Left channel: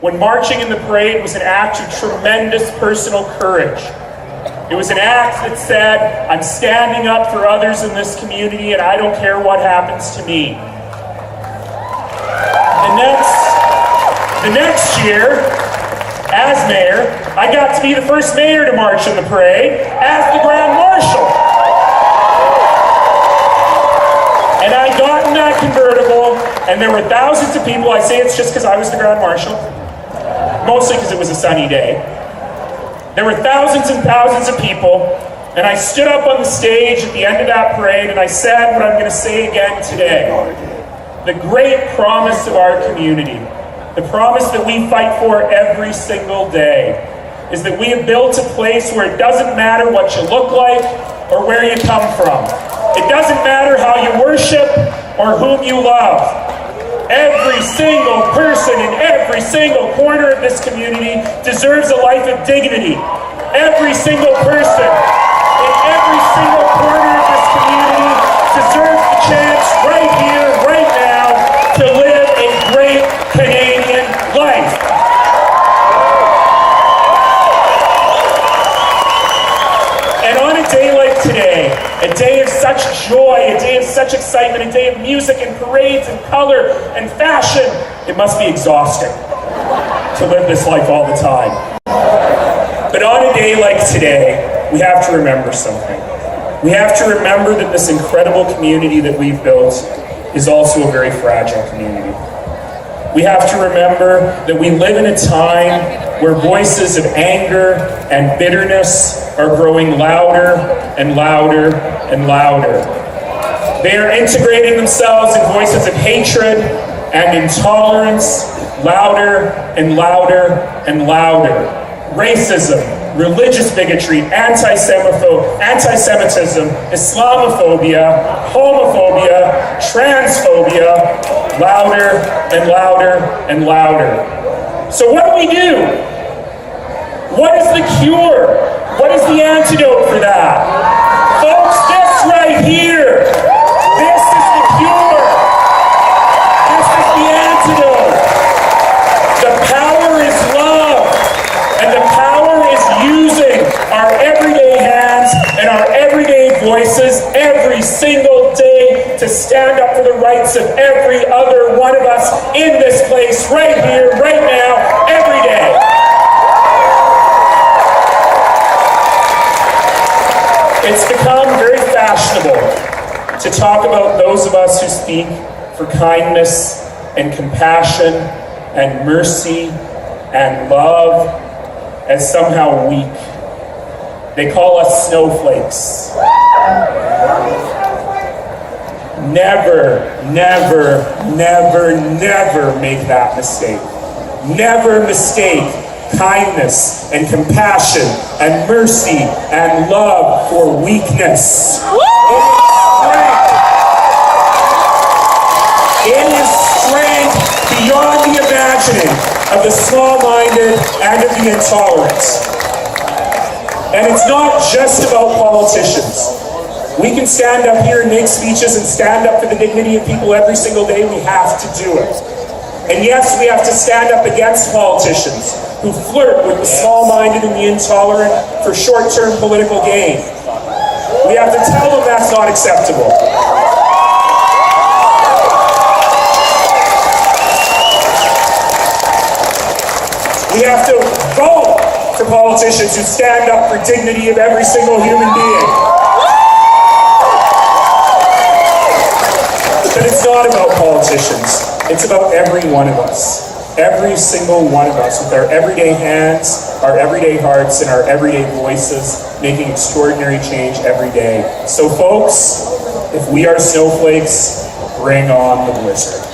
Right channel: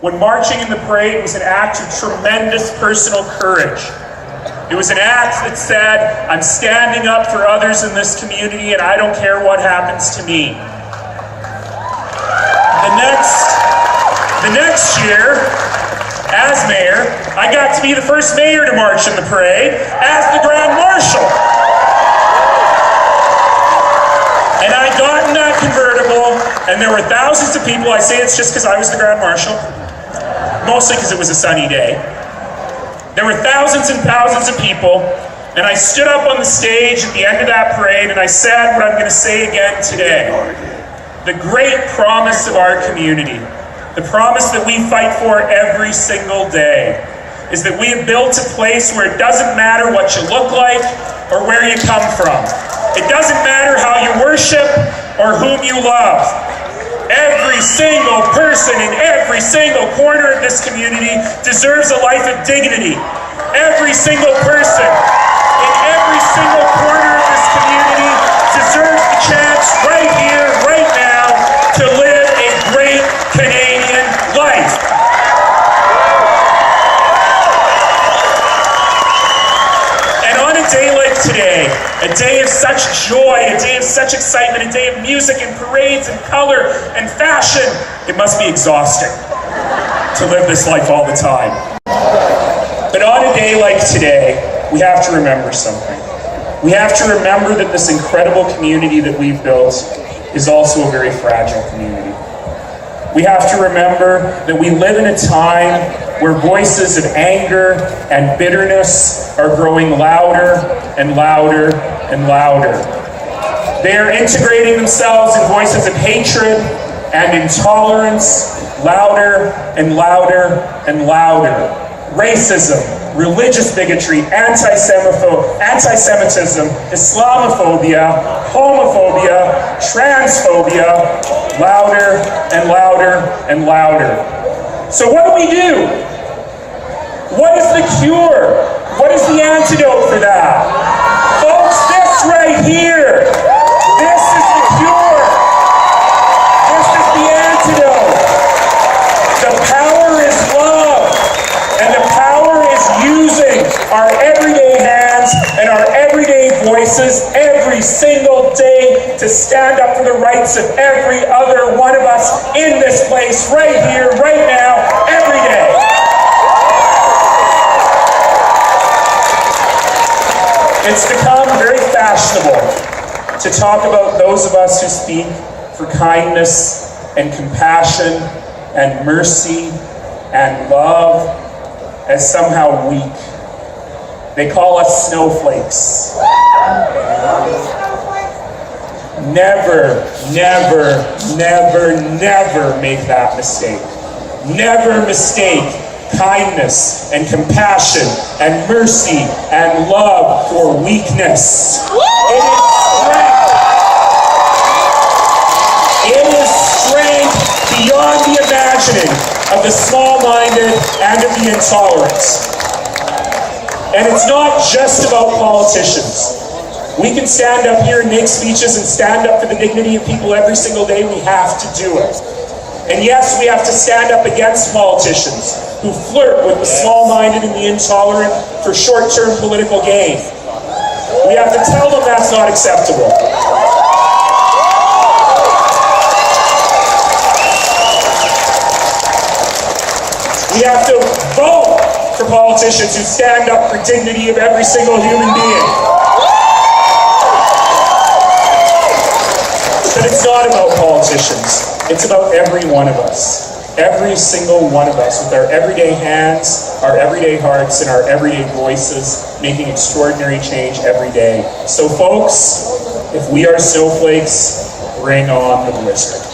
when marching in the parade was an act of tremendous personal courage. It was an act that said, I'm standing up for others in this community and I don't care what happens to me. The next year, as mayor, I got to be the first mayor to march in the parade as the Grand Marshal. And I got in that convertible, and there were thousands of people. I say it's just because I was the Grand Marshal, mostly because it was a sunny day. There were thousands and thousands of people, and I stood up on the stage at the end of that parade, and I said what I'm going to say again today. The great promise of our community, the promise that we fight for every single day, is that we have built a place where it doesn't matter what you look like or where you come from. It doesn't matter how you worship or whom you love. Every single person in every single corner of this community deserves a life of dignity. Every single person in every single corner of this community deserves the chance right here, right now, to live a great Canadian life. And on a day like today, a day of such joy, a day of such excitement, a day of music and parades and color and fashion, it must be exhausting to live this life all the time. But on a day like today, we have to remember something. We have to remember that this incredible community that we've built is also a very fragile community. We have to remember that we live in a time where voices of anger and bitterness are growing louder and louder and louder. They are integrating themselves in voices of hatred and intolerance, louder and louder and louder. Racism, religious bigotry, anti-Semitism, Islamophobia, homophobia, transphobia, louder and louder and louder. So what do we do? What is the cure? What is the antidote for that? Folks, this right here, this is the cure. This is the antidote. The power is love, and the power is using our everyday hands and our everyday voices every single day to stand up for the rights of every other one of us in this place, right here, right now, every day. It's become very fashionable to talk about those of us who speak for kindness and compassion and mercy and love as somehow weak. They call us snowflakes. Never, never, never, never make that mistake. Never mistake kindness and compassion and mercy and love for weakness. It is strength beyond the imagining of the small-minded and of the intolerant. And it's not just about politicians. We can stand up here and make speeches and stand up for the dignity of people every single day. We have to do it. And yes, we have to stand up against politicians who flirt with the small-minded and the intolerant for short-term political gain. We have to tell them that's not acceptable. We have to vote for politicians who stand up for dignity of every single human being. But it's not about politicians. It's about every one of us. Every single one of us with our everyday hands, our everyday hearts, and our everyday voices making extraordinary change every day. So folks, if we are snowflakes, bring on the blizzard.